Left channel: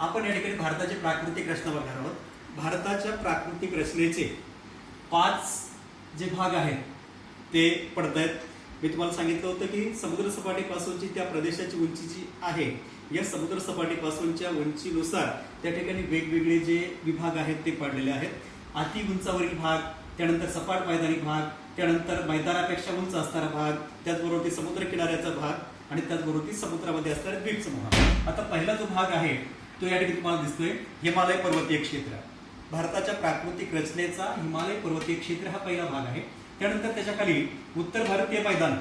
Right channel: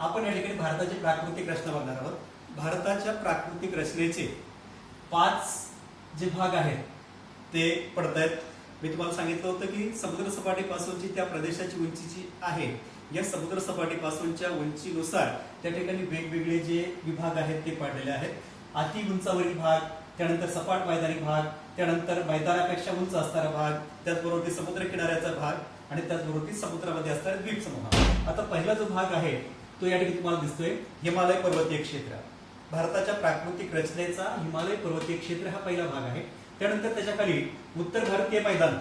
आपण या ठिकाणी भारताची प्राकृतिक रचना बघणार आहोत. भारताच्या प्राकृतिक रचनेचे 5 जे भाग आहेत ते पडतायत. मी तुम्हाला सांगितलं होतं की समुद्र सपाटीपासूनची त्या प्रदेशाची उंची जी आहे, या समुद्र सपाटीपासूनच्या उंचीनुसार त्या ठिकाणी वेगवेगळे जे विभाग आहेत ते पडलेले आहेत. अति उंचावरील भाग, त्यानंतर सपाट मैदानी भाग, त्यानंतर मैदानापेक्षा उंच असणारा भाग, त्याचबरोबर समुद्र किनाऱ्याचा भाग आणि त्याचबरोबर समुद्रामध्ये असणारा द्वीपसमूह. आता पहिला जो भाग आहे तो या ठिकाणी तुम्हाला दिसतोय हिमालय पर्वतीय क्षेत्र. भारताच्या प्राकृतिक रचनेचा हिमालय पर्वतीय क्षेत्र हा पहिला भाग आहे. त्यानंतर त्याच्याखाली उत्तर भारतीय मैदान.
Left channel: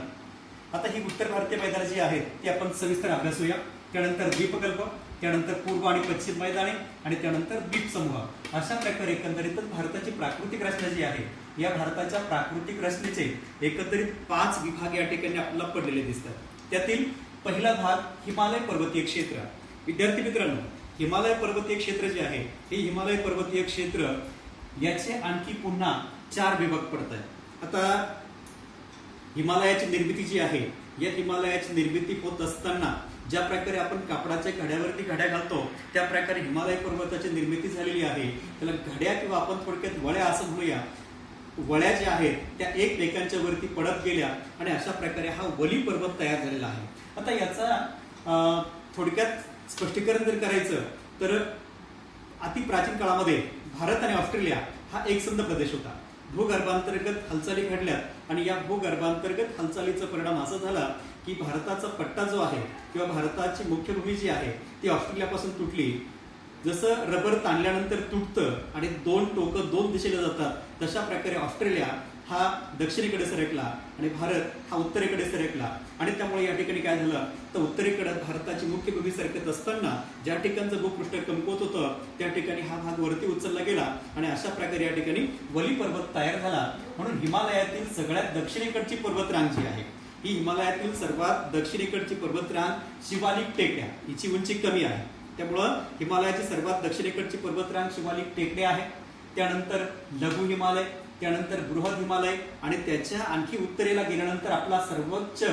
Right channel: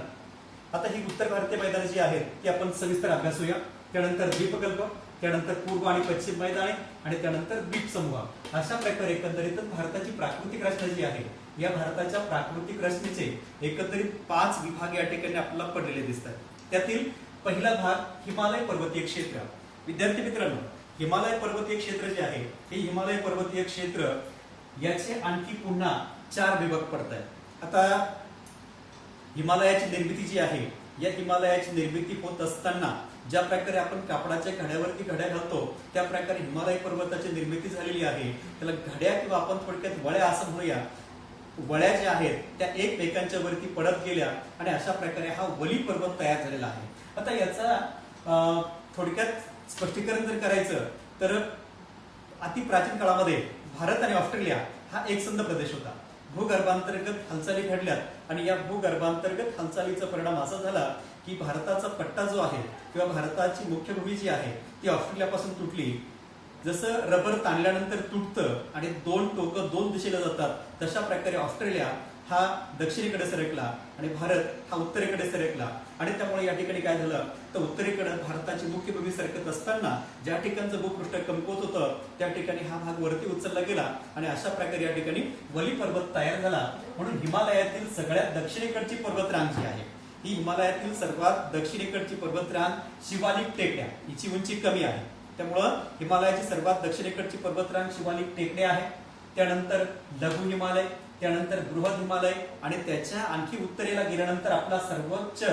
आता ही उत्तर भारतीय मैदान जी आहेत ती आपण सविस्तर अभ्यासूया. त्यानंतर द्वीपकल्प, त्यानंतर पूर्व आणि पश्चिम मैदाने आणि त्यानंतर द्वीपसमूह. अशा प्रकारे एकंदरीतच भारताची प्राकृतिक रचना जी आहे, या भारताच्या प्राकृतिक रचनेचे एकंदरीत 5 विभाग या ठिकाणी आपल्याला पडलेले दिसतात. त्यातील पहिला भाग हिमालय पर्वतीय क्षेत्र. विद्यार्थी मित्रांनो, हिमालय पर्वतीय क्षेत्र जे आहे हे हिमालय पर्वतीय क्षेत्र याचे आणखी पुन्हा 4 विभाग पडत आहेत. आता हिमालयाची निर्मिती जी आहे, या हिमालयाची निर्मिती होत असताना ज्या प्रकारे आपण कापडाच्या घड्यावरती घड्या घालतो त्या प्रकारे हिमालय पर्वताची निर्मिती झालेली आहे. त्याला घड्या किंवा आपण थोडक्यात वळ्या असं म्हणूया. वळ्या ज्या आहेत त्या एकमेकांच्या वरती पडत गेल्या आणि अशा प्रकारे हा वली पर्वत तयार झालेला आहे. आता याचा थोडक्यात स्पष्टीकरण जर करायचं तर अति प्राचीन काळामध्ये भारत आणि ऑस्ट्रेलिया हा एकसंध प्रदेश होता. भूगर्भांतर्गत हालचाली घडल्यात आणि या भूगर्भांतर्गत हालचालीचा परिणाम असा झाला की भारताचा पट्टा जो आहे किंवा भारताची मुख्य भूमी जी आहे ती ऑस्ट्रेलियापासून तुटली. जसं रबर ताणल्यानंतर तुटतं आणि 2 टोकं 2 दिशेला जातात तशा प्रकारे ऑस्ट्रेलिया हा दक्षिणेकडे सरकला आणि भारत हा उत्तरेकडे सरकला. आणि त्यामुळे या ठिकाणी काय झालं तर उत्तरेकडे भारताची मुख्य भूमी सरकत असताना ज्या ठिकाणचं भूपृष्ठ कमकुवत होतं त्या ठिकाणी हा भाग वरती उचलला गेला आणि अशा प्रकारे या ठिकाणी वली पर्वत तयार झाला. म्हणून हिमालयातील सगळ्यात दक्षिणेकडची पर्वतरांग जी आहे, ही हिमालयातील सर्वात दक्षिणेकडची पर्वतरांग शिवालिक टेकड्या, हिची उंची कमी आहे त्यामुळं हिमालयाची सर्वात दक्षिणेकडची पर्वतरांग शिवालिक टेकड्या आहे. त्यानंतर लघु हिमालय, त्यानंतर बृहद हिमालय आणि त्याच्या आणखी उत्तरेला गेल्यानंतर आपला सर्वोच्च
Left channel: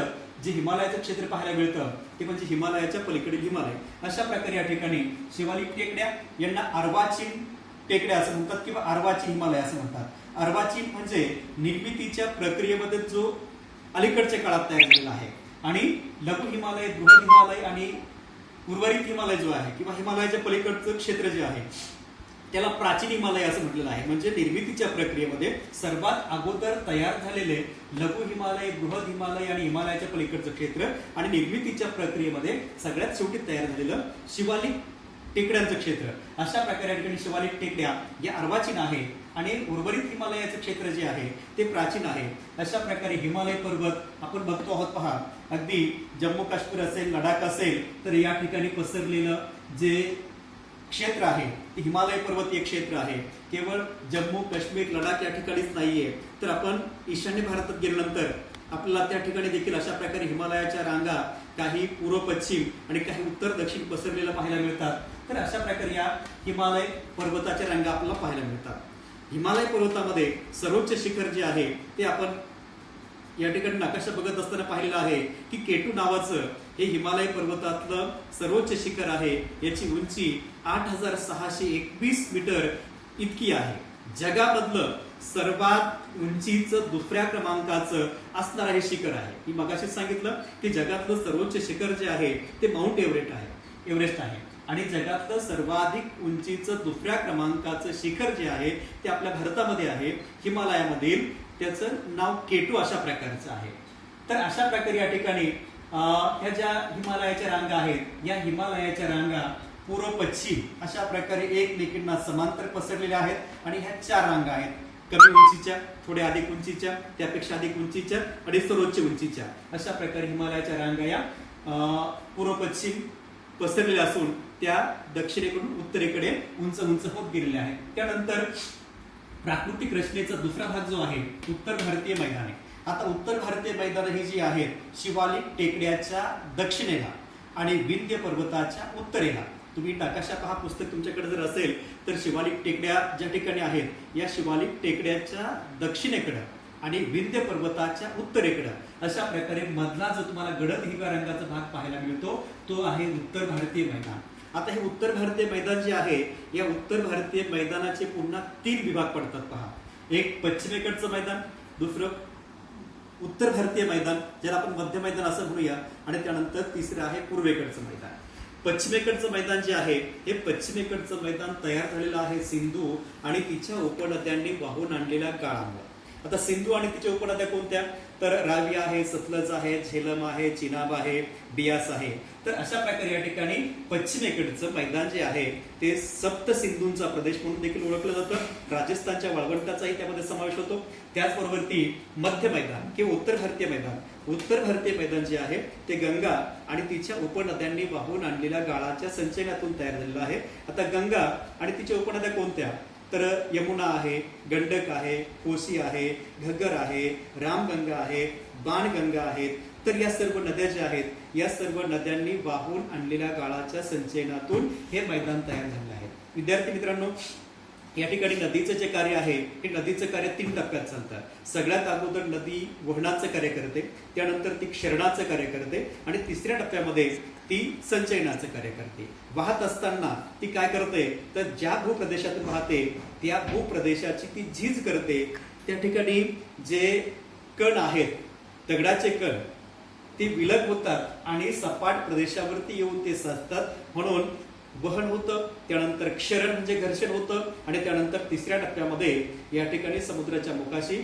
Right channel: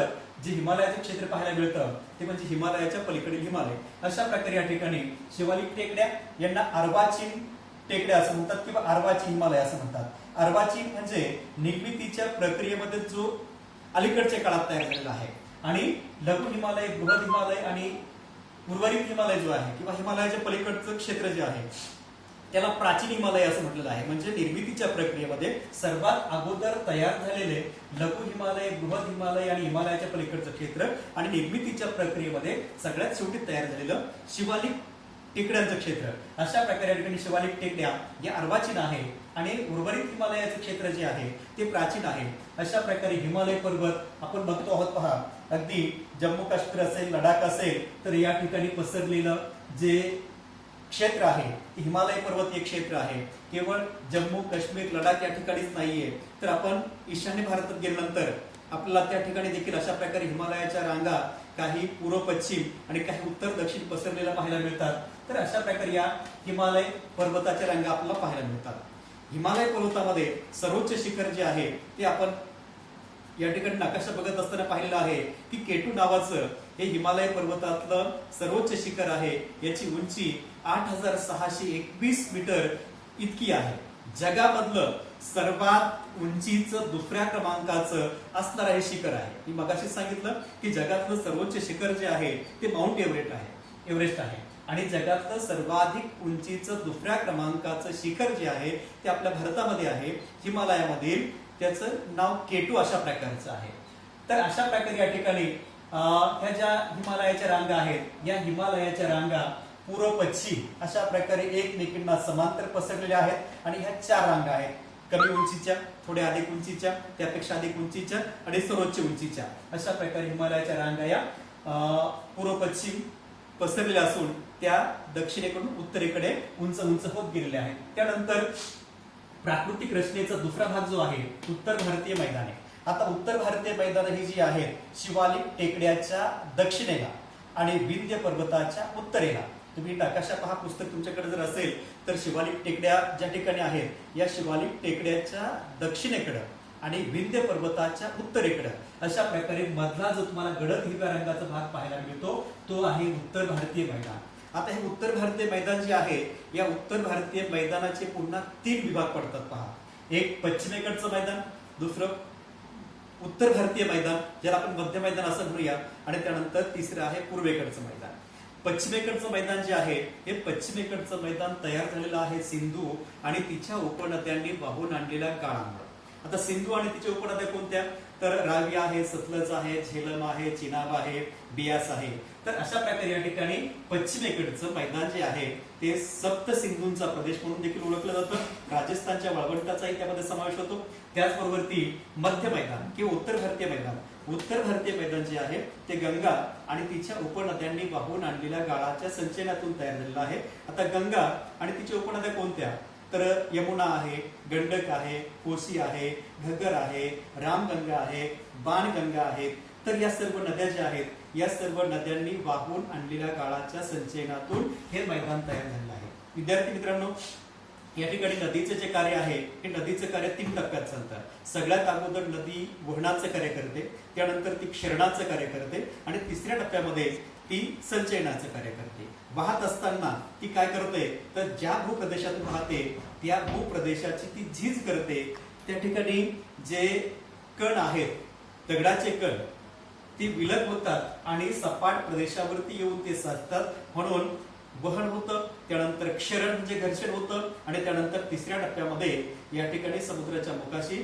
जे हिमालयाचं क्षेत्र पाहायला मिळतं ते म्हणजे हिमालयाच्या पलीकडील हिमालय. अशा प्रकारे या ठिकाणी शिवालिक टेकड्या यांना अर्वाचीन टेकड्या असं म्हणतात किंवा अर्वाचीन हिमालय असं म्हणतात. अर्वाचीन म्हणजे निर्मितीच्या प्रक्रियेमध्ये जो अलीकडच्या काळात तयार झालेला आहे. आणि लघु हिमालय, बृहद हिमालय आणि उर्वरित हिमालय जो आहे किंवा हिमालयाच्या पलीकडचं क्षेत्र जे आहे त्याला प्राचीन हिमालय असं म्हटलेलं आहे. म्हणजे निर्मितीच्या प्रक्रियेमध्ये सर्वात अगोदर तयार झालेले लघु हिमालय, बृहद हिमालय आणि हिमालयाच्या पलीकडचं क्षेत्र आणि निर्मितीच्या प्रक्रियेमध्ये सगळ्यात शेवटी तयार झालेलं शिवालिक टेकड्यांचं क्षेत्र. अशा प्रकारे या ठिकाणी शिवालिक टेकड्या या अर्वाचीन आहे आणि उर्वरित हिमालयाचं क्षेत्र जे आहे ते प्राचीन आहे. अशा प्रकारे हिमालय पर्वत आपण बघतो आहोत. पहा, अगदी जम्मू काश्मीर असेल, लडाख असेल तर या ठिकाणी पसरलेलं जे क्षेत्र आहे ते हिमालय पर्वतीय क्षेत्र आहे. केवळ जम्मू काश्मीर, लडाख या ठिकाणीच नाहीये तर आपण ईशान्य भारतात गेल्यानंतर आपल्याला त्या ठिकाणी देखील अशा प्रकारे हिमालयाच्या रांगा काही पूर्व पश्चिम आणि काही उत्तर दक्षिण पसरलेल्या पाहायला मिळतात. तर अशा प्रकारे या हिमालय पर्वताच्या रांगा आपल्याला पाहायला मिळतात. हिमालय पर्वतामध्ये सर्वोच्च शिखर जे आहे ते आपण या ठिकाणी नकाशा बघत असताना पाहिलेलं आहे की केटू नावाचं हे हिमालय पर्वतातलं सर्वोच्च शिखर आहे. याची उंची 8621 मीटर इतकी आहे. जगामधलं सर्वात उंचीचं 2ऱ्या क्रमांकाचं असणारं हे शिखर आहे. मी मगाशीच सांगितलं की जगातलं सर्वोच्च शिखर जे आहे ते माउंट एव्हरेस्ट आहे आणि जगातलं सर्वाधिक उंचीचं 2ऱ्या क्रमांकाचं शिखर जे आहे ते आपल्या भारतामध्ये आहे, हिमालयामधील. त्याचं नाव केटू अशा प्रकारचं आहे. तर अशा प्रकारे या ठिकाणी ह्या ज्या हिमालयाच्या रांगा आहेत या हिमालयाच्या रांगा पूर्व पश्चिम अशा प्रकारे एकमेकींना समांतर पसरलेल्या आहेत आणि ह्या 4 रांगा आहेत. कमी उंचीच्या, थोड्या अधिक उंचीच्या, त्यापेक्षा अधिक उंचीच्या आणि सर्वोच्च उंचीच्या. अशा प्रकारे हिमालयाच्या रांगा या पूर्व पश्चिम पसरलेल्या असून त्या दक्षिणेकडून उत्तरेकडे उंच उंच होत गेलेल्या आहेत. त्यानंतर प्राकृतिक रचनेचा दुसरा भाग जो आहे उत्तर भारतीय मैदाने. आता उत्तर भारतीय मैदाने ही जी आहेत शिवालिक टेकड्याच्या दक्षिणेला आणि विंध्य पर्वताच्या उत्तरेला. तुम्ही नकाशा पहा, पुस्तक तुमच्याकडे जर असेल तर शिवालिक टेकड्या ज्या ठिकाणी आहेत या शिवालिक टेकड्याच्या दक्षिणेकडे आणि विंध्य पर्वताच्या उत्तरेकडे अशा प्रकारे मधला जो तुम्हाला गडद हिरव्या रंगाचा भाग पाहायला मिळतो तो आहे उत्तर भारतीय मैदान. आता हे उत्तर भारतीय मैदान जे आहे, या उत्तर भारतीय मैदानाचे पुन्हा 3 विभाग पडतात पहा. एक पश्चिमेकडचं मैदान, दुसरं उत्तर भारतीय मैदान ज्याला आपण मध्य मैदान असं म्हणूया, आणि त्यानंतर तिसरं आहे पूर्वेकडचं मैदान. पश्चिमेकडचं मैदान जे आहे, हे पश्चिमेकडचं मैदान तयार झालेलं आहे सिंधू आणि तिच्या उपनद्यांनी वाहून आणलेल्या गाळांवर. आता सिंधू आणि तिच्या उपनद्या कोणत्या, तर रावी आहे, सतलज आहे, झेलम आहे, चिनाब आहे, बियास आहे. तर अशा प्रकारे या ठिकाणी पश्चिमेकडचं मैदान जे आहे ते सप्त सिंधूंचा प्रदेश म्हणून देखील ओळखलं जातं. राजस्थानच्या वाळवंटाचाही त्यामध्ये समावेश होतो. त्याचबरोबर मध्य मैदान किंवा उत्तर भारतीय मैदान, उत्तर भारतीय मैदान जे आहे ते गंगा आणि तिच्या उपनद्यांनी वाहून आणलेल्या गाळाच्या संचयनातून तयार झालेलं आहे. आता गंगा आणि तिच्या उपनद्या कोणत्या, तर यमुना आहे, गंडक आहे, कोसी आहे, घग्गर आहे, रामगंगा आहे, बाणगंगा आहेत. तर या सर्व नद्या ज्या आहेत, या सर्व नद्यांनी वाहून आणलेल्या गाळाच्या संचयनातून हे मैदान तयार झालेलं आहे. विद्यार्थी मित्रांनो, या ठिकाणी नदीचं जे कार्य आहे, हे नदीचं कार्य 3 टप्प्यात चालतं. सगळ्यात अगोदर नदी वहनाचं कार्य करते, त्यानंतर ती क्षरणाचं कार्य करते, आणि तिसऱ्या टप्प्यामध्ये ती संचयनाचं कार्य करते. वाहत असताना ती काय करते, तर ज्या भूप्रदेशातून वाहते त्या भूप्रदेशाची ती झीज करते. त्या ठिकाणी जे कण आहेत, दगडाचे कण, ते विलग होतात आणि सपाट प्रदेशावरती येऊन ते साचतात, म्हणून वहन होतं. त्यानंतर क्षरण म्हणजे घर्षण होतं, आणि त्यानंतर तिसऱ्या टप्प्यामध्ये या ठिकाणी समुद्राच्या मुखाशी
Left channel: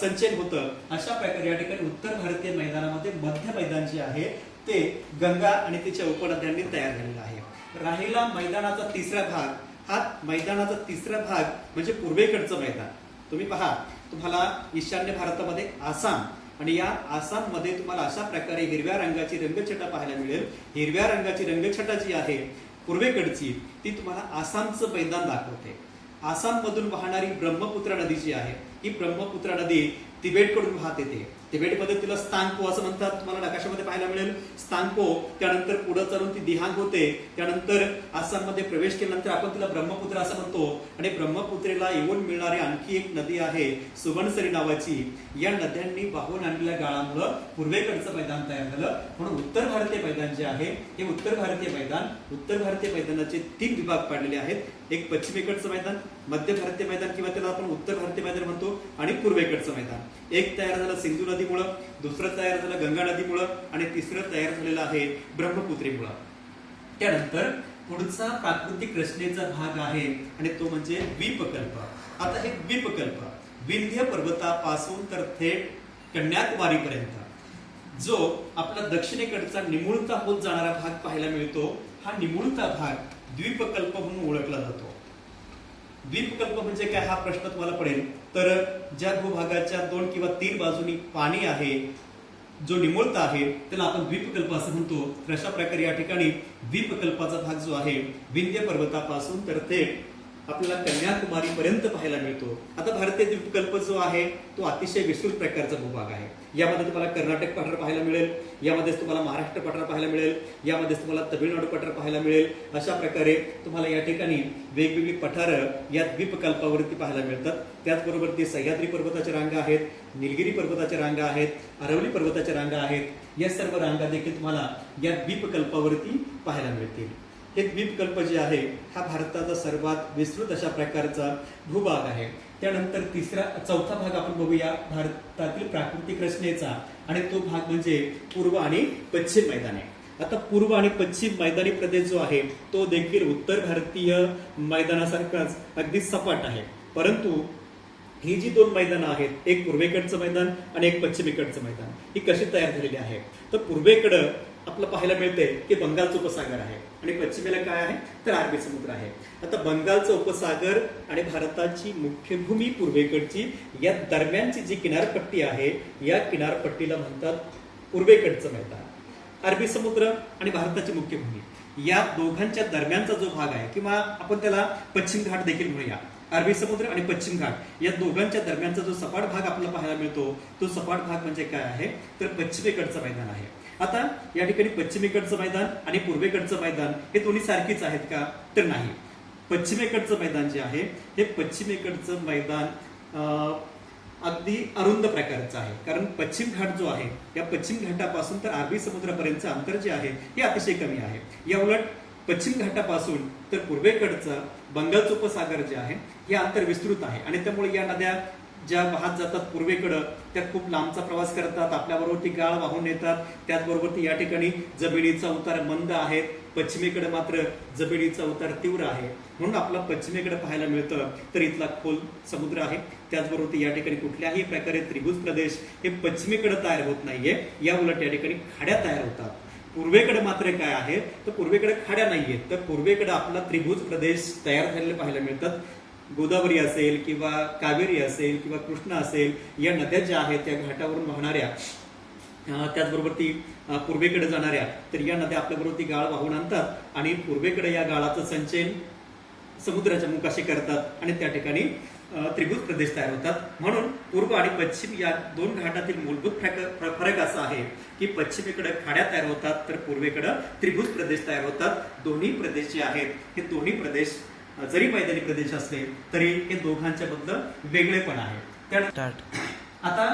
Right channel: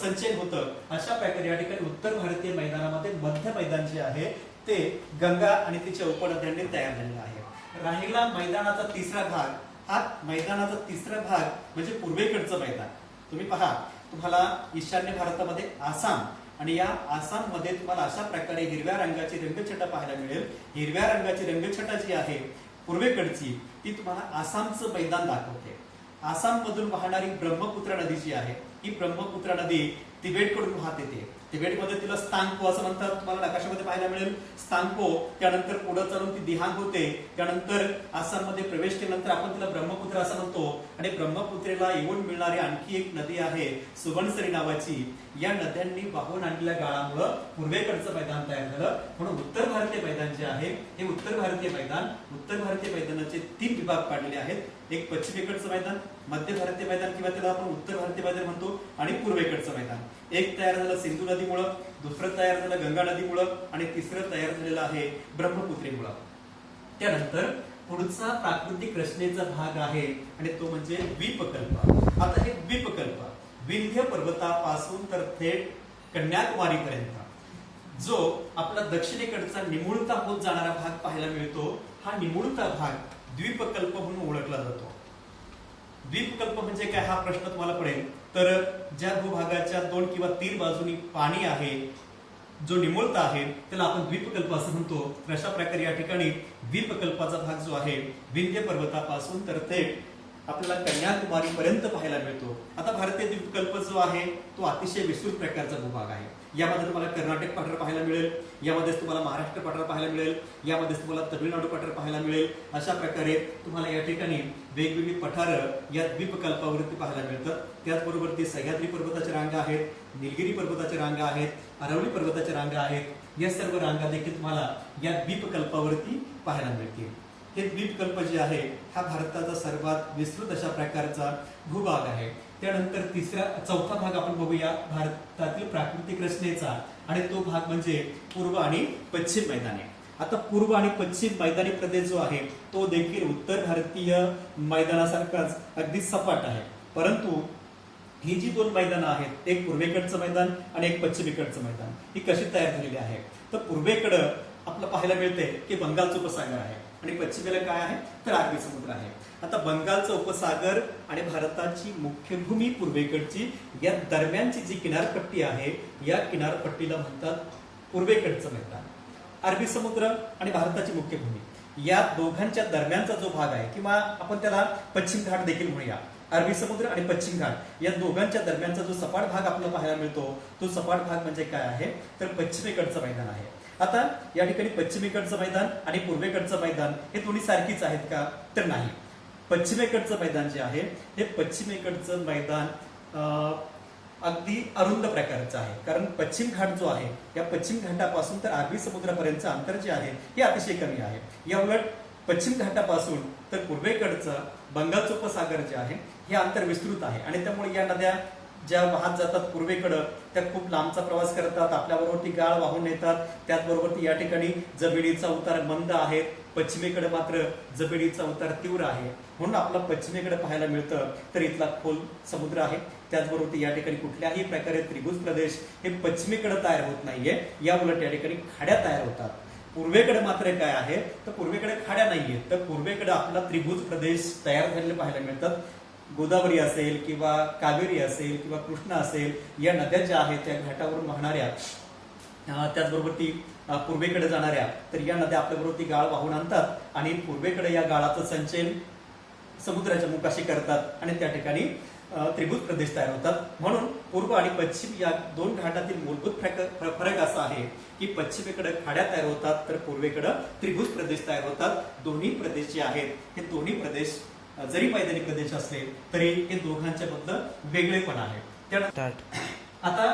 संचयन होतं. अशा प्रकारे या ठिकाणी उत्तर भारतीय मैदानामध्ये मध्य मैदान जे आहे ते गंगा आणि तिच्या उपनद्यांनी तयार झालेलं आहे. राहिला मैदानाचा तिसरा भाग. हा मैदानाचा तिसरा भाग म्हणजे पूर्वेकडचं मैदान. तुम्ही पहा, तुम्हाला ईशान्य भारतामध्ये आसाम, आणि या आसाम मध्ये तुम्हाला अशा प्रकारे हिरव्या रंगाची रंगछटा पाहायला मिळेल. हिरव्या रंगाची रंगछटा जी आहे पूर्वेकडची, ती तुम्हाला आसामचं मैदान दाखवते. आसाम मधून वाहणारी ब्रह्मपुत्रा नदी जी आहे, ही ब्रह्मपुत्रा नदी तिबेटकडून वाहत येते. तिबेटमध्ये तिला स्थानपो असं म्हणतात, तुम्हाला नकाशामध्ये पाहायला मिळेल स्थानपो. त्यानंतर पुढे चालून ती दिहांग होते. त्यानंतर आसाममध्ये प्रवेश केल्यानंतर आपण तिला ब्रह्मपुत्रा असं म्हणतो. आणि ब्रह्मपुत्रेला येऊन मिळणारी आणखी एक नदी आहे सुबनसिरी नावाची. या नद्यांनी वाहून आणलेल्या गाळामुळे पूर्वेकडचं मैदान तयार झालं. म्हणून उत्तर भारतीय मैदान जे आहे हे उत्तर भारतीय मैदानाचे 3 विभाग पाडलेले आहेत. एक पश्चिमेकडचं मैदान, मध्य भारतीय मैदान किंवा त्याला आपण उत्तर भारतीय मैदान म्हणतो, आणि पूर्वेकडचं मैदान. एक तयार झालं सिंधू नदीमुळं, दुसरं तयार झालं गंगा नदीमुळं, आणि तिसरं तयार झालेलं आहे ब्रह्मपुत्रेमुळं. त्यानंतर पुढचा प्राकृतिक रचनेचा भाग आहे आणि तो म्हणजे द्वीपकल्प. आता हे द्वीपकल्प विंध्य पर्वतापासून तर थेट कन्याकुमारी पर्यंत जो आपला दक्षिणेकडचा निमुळता होत जाणारा भाग पाहायला मिळतो, हा निमुळता भाग द्वीपकल्प म्हणून ओळखला जातो. द्वीपकल्प म्हणजे काय, हा प्रश्न तुम्हाला पडेल. तर ज्या भूभागाच्या 2 किंवा 3 बाजूनी पाणी आहे, जो निमुळता आहे, त्याला आपण द्वीपकल्प असं म्हणतो. तर अशा प्रकारे या ठिकाणी द्वीपकल्पाचा भाग जो आहे विंध्य पर्वतापासून तर थेट आपल्याला कन्याकुमारी पर्यंत पाहायला मिळतो. आता भारतीय द्वीपकल्प जो आहे तो अतिशय विस्तृत प्रकारचा भूभाग आहे. यामध्ये तुम्हाला कर्नाटक पठार पाहायला मिळेल, यामध्ये तुम्हाला महाराष्ट्र पठार पाहायला मिळेल, यामध्ये तुम्हाला तमिळनाडू पठार पाहायला मिळेल. अशा प्रकारे तुम्हाला या ठिकाणी वेगवेगळी पठारं या द्वीपकल्पावरती पाहायला मिळतात. त्याचबरोबर ती सह्याद्री पर्वताच्या रांगा आहेत, निलगिरी पर्वताच्या रांगा आहेत, अरवली पर्वताच्या रांगा आहेत. या सर्व रांगा देखील तुम्हाला या द्वीपकल्पावरती पाहायला मिळतील. हे द्वीपकल्प जे आहे हा भारताचा सर्वात विस्तृत अशा प्रकारचा भूभाग आहे. त्यानंतर चौथा भाग आपण बघूया भारतातील प्राकृतिक रचनेचा, आणि तो भाग म्हणजे पूर्व आणि पश्चिम मैदाने. आता पूर्व आणि पश्चिम मैदानी प्रदेश जो आहे तो देखील उत्तर भारतीय मैदानासारखाच अगदी सपाट आहे. परंतु ही जी 2 मैदानं आहेत, एक पूर्वेकडचं मैदान आणि एक पश्चिमेकडचं मैदान, ही कशी तयार झालेली आहे, तर पूर्वेकडं आपलं पाहायला मिळते की बंगालचा उपसागर आहे, आणि पश्चिमेला काय आहे तर अरबी समुद्र आहे. आता बंगालचा उपसागर आणि भारताची मुख्य भूमी पूर्वेकडची या दरम्यानची जी किनारपट्टी आहे, या किनारपट्टीला म्हणतात पूर्वेकडचं मैदान. अरबी समुद्र आणि भारताची मुख्य भूमी या दोघांच्या दरम्यानचा जो भाग आहे, किंवा आपण त्याला पश्चिम घाट देखील म्हणूया. अरबी समुद्र आणि पश्चिम घाट या दोघांच्या दरम्यानचा जो सपाट भाग आपल्याला पाहायला मिळतो, तो सपाट भाग म्हणजे काय आहे तर पश्चिमेकडचं मैदान आहे. आता या ठिकाणी पश्चिमेकडचं मैदान आणि पूर्वेकडचं मैदान हे दोन्ही सारखीच आहेत का, तर नाही. पश्चिमेकडचं मैदान जे आहे हे पश्चिमेकडचं मैदान अगदी अरुंद प्रकारचं आहे, कारण पश्चिम घाट जो आहे या पश्चिम घाटापासून तर अरबी समुद्रापर्यंतचं अंतर जे आहे हे अतिशय कमी आहे. या उलट पश्चिम घाटापासून तर पूर्वेकडचं बंगालचं उपसागर जे आहे हे अंतर विस्तृत आहे आणि त्यामुळे या नद्या ज्या वाहत जातात पूर्वेकडं त्या खूप लांबचा प्रवास करतात, आपल्याबरोबर ती गाळ वाहून येतात. त्याचबरोबर ती या ठिकाणी जमिनीचा उतार मंद आहे, पश्चिमेकडे मात्र जमिनीचा उतार तीव्र आहे. म्हणून आपला पश्चिमेकडे पाहायला मिळतं तर इथला खोल समुद्र आहे. त्याचबरोबर या ठिकाणी कुठल्याही प्रकारे त्रिभुज प्रदेश हे पश्चिमेकडे तयार होत नाहीये, या उलट या ठिकाणी खाड्या तयार होतात. पूर्वेकडे मात्र काय आहे तर पूर्वेकडे खाड्या नाहीयेत, तर पूर्वेकडे आपला त्रिभुज प्रदेश तयार झालेले पाहायला मिळतात. गोदावरी असेल किंवा कावेरी असेल किंवा कृष्णा असेल, या नद्या ज्या आहेत त्या घाटावरून वाहणाऱ्या, त्याचबरोबर ती पूर्वेकडे जाणाऱ्या, तर या नद्या आपल्याबरोबर ती गाळ वाहून आणतात आणि पूर्वेकडे या गाळाचं संचयन समुद्राच्या मुखाशी करतात आणि त्या ठिकाणी त्रिभुज प्रदेश तयार होतात. म्हणून पूर्व आणि पश्चिम या दोन घाटातील मूलभूत फरक असा आहे की पश्चिमेकडे खाड्या तयार होतात तर पूर्वेकडे त्रिभुज प्रदेश तयार होतात. दोन्ही प्रदेश जे आहेत हे दोन्ही प्रदेश जरी मैदानी प्रदेश असले तरी हे दोघांच्या बद्दल वेगळेपण आहे. आता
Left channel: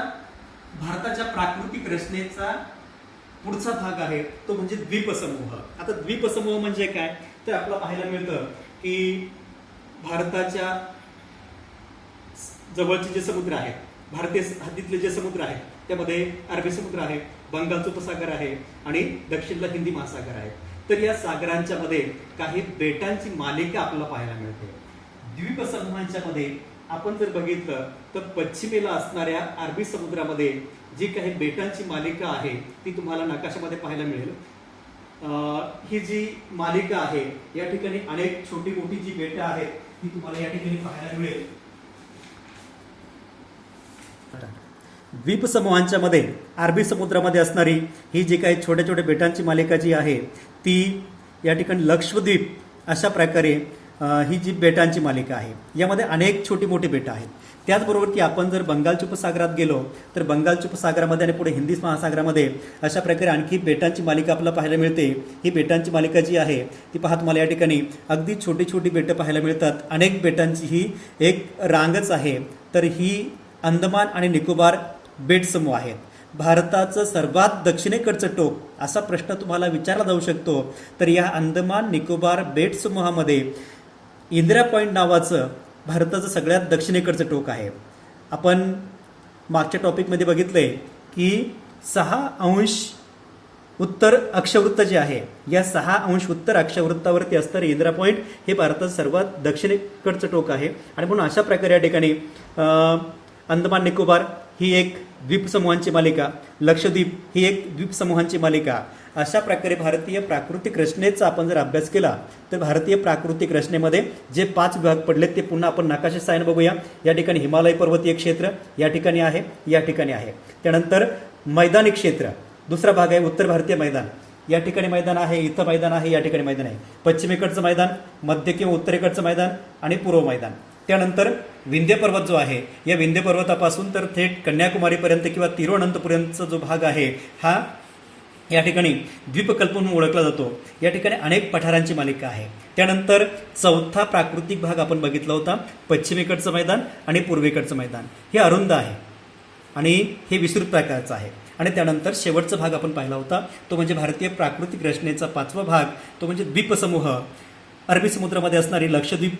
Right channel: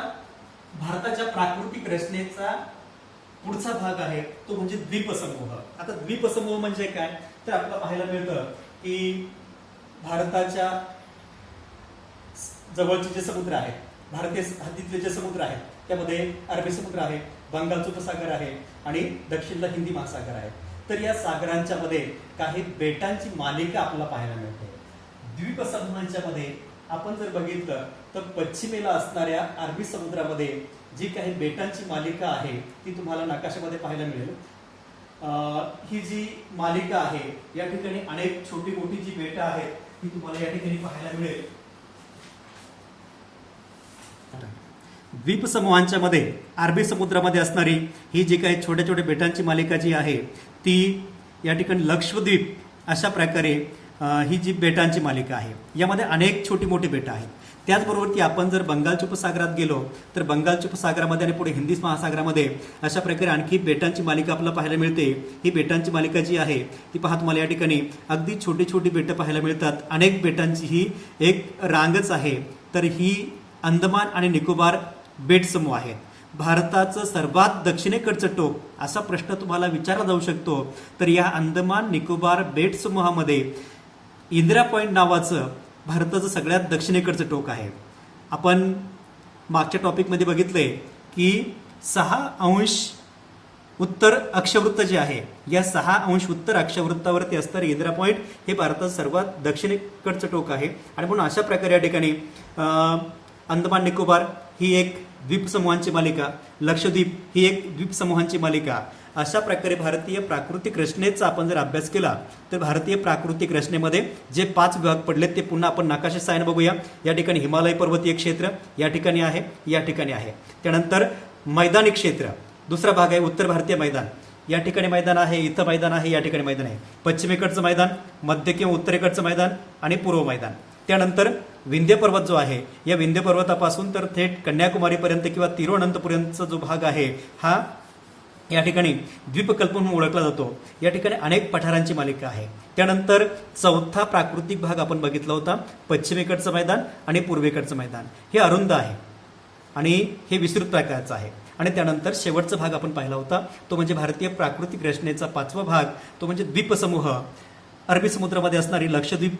भारताच्या प्राकृतिक रचनेचा पुढचा भाग आहे तो म्हणजे द्वीपसमूह. आता द्वीपसमूह म्हणजे काय तर आपल्याला पाहायला मिळतं की भारताच्या जवळचे जे समुद्र आहेत, भारतीय हद्दीतले जे समुद्र आहेत त्यामध्ये अरबी समुद्र आहे, बंगालचा उपसागर आहे आणि दक्षिणला हिंदी महासागर आहे. तर या सागरांच्या मध्ये काही बेटांची मालिका आपल्याला पाहायला मिळते. द्वीपसमूहांच्या मध्ये आपण जर बघितलं तर पश्चिमेला असणाऱ्या अरबी समुद्रामध्ये जी काही बेटांची मालिका आहे ती तुम्हाला नकाशामध्ये पाहायला मिळेल. ही जी मालिका आहे या ठिकाणी अनेक छोटी मोठी जी बेटं आहेत ती तुम्हाला या ठिकाणी पाहायला मिळेल. द्वीपसमूहांच्या मध्ये अरबी समुद्रामध्ये असणारी ही जी काही छोट्या छोट्या बेटांची मालिका जी आहे ती या ठिकाणी लक्षद्वीप अशा प्रकारे ही जी बेटांची मालिका आहे यामध्ये अनेक छोटी मोठी बेटं आहेत. त्याचबरोबर की आपण जर बंगालच्या उपसागरात गेलो तर बंगालच्या उपसागरामध्ये आणि पुढे हिंदी महासागरामध्ये अशा प्रकारे आणखी बेटांची मालिका आपल्याला पाहायला मिळते. ही बेटांची मालिका जी आहे ती पहा तुम्हाला या ठिकाणी अगदी छोटी छोटी बेटं पाहायला मिळतात. अनेक बेटांची ही एक रांगच आहे. तर ही अंदमान आणि निकोबार बेट समूह आहेत. भारताचं सर्वात दक्षिणेकडचं टोक असा प्रश्न तुम्हाला विचारला जाऊ शकतो. तर या अंदमान निकोबार बेट समूहामध्ये इंदिरा पॉइंट नावाचं भारताचं सगळ्यात दक्षिणेकडचं टोक आहे. आपण मागच्या टॉपिकमध्ये बघितलंय की 6° उत्तर अक्षवृत्त जे आहे या 6° उत्तर अक्षवृत्तावरती असणारे इंदिरा पॉइंट हे भारताचं सर्वात दक्षिणेकडचं टोक आहे. आणि म्हणून अशा प्रकारे या ठिकाणी अंदमान निकोबार ही एक द्वीपसमूहांची मालिका, लक्षद्वीप ही एक द्वीपसमूहांची मालिका, अशा प्रकारे भारतीय प्राकृतिक रचनेचा आपण जर अभ्यास केला तर भारतीय प्राकृतिक रचनेमध्ये जे 5 विभाग पडलेत ते पुन्हा आपण नकाशा साहाय्याने बघूया. या ठिकाणी हिमालय पर्वतीय क्षेत्र या ठिकाणी आहे, या ठिकाणी आहे. त्यानंतर मैदानी क्षेत्र दुसरा भाग आहे उत्तर भारतीय मैदान, या ठिकाणी मैदान आहे, इथं मैदान आहे, या ठिकाणी मैदान आहे. पश्चिमेकडचं मैदान, मध्य किंवा उत्तरेकडचं मैदान आणि पूर्व मैदान. त्यानंतर विंध्य पर्वत जो आहे या विंध्य पर्वतापासून तर थेट कन्याकुमारीपर्यंत किंवा तिरुवनंतपुरमचा जो भाग आहे हा या ठिकाणी द्वीपकल्प म्हणून ओळखला जातो. या ठिकाणी अनेक पठारांची मालिका आहे. त्यानंतर चौथा प्राकृतिक भाग आपण बघितला होता, पश्चिमेकडचं मैदान आणि पूर्वेकडचं मैदान. हे अरुंद आहे आणि हे विस्तृत प्रकारचं आहे. आणि त्यानंतर शेवटचा भाग आपण पाहिला होता तो म्हणजे भारतीय प्राकृतिक रचनेचा 5वा भाग तो म्हणजे द्वीपसमूह. अरबी समुद्रामध्ये असणारी लक्षद्वीप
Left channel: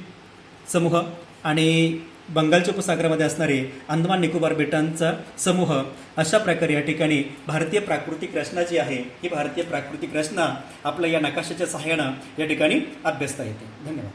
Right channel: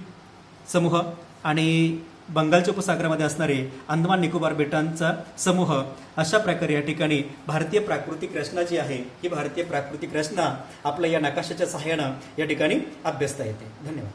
समूह आणि बंगालच्या उपसागरामध्ये असणारे अंदमान निकोबार बेटांचा समूह, अशा प्रकारे या ठिकाणी भारतीय प्राकृतिक रचना जी आहे ही भारतीय प्राकृतिक रचना आपल्या या नकाशाच्या सहाय्यानं या ठिकाणी अभ्यासता येते. धन्यवाद.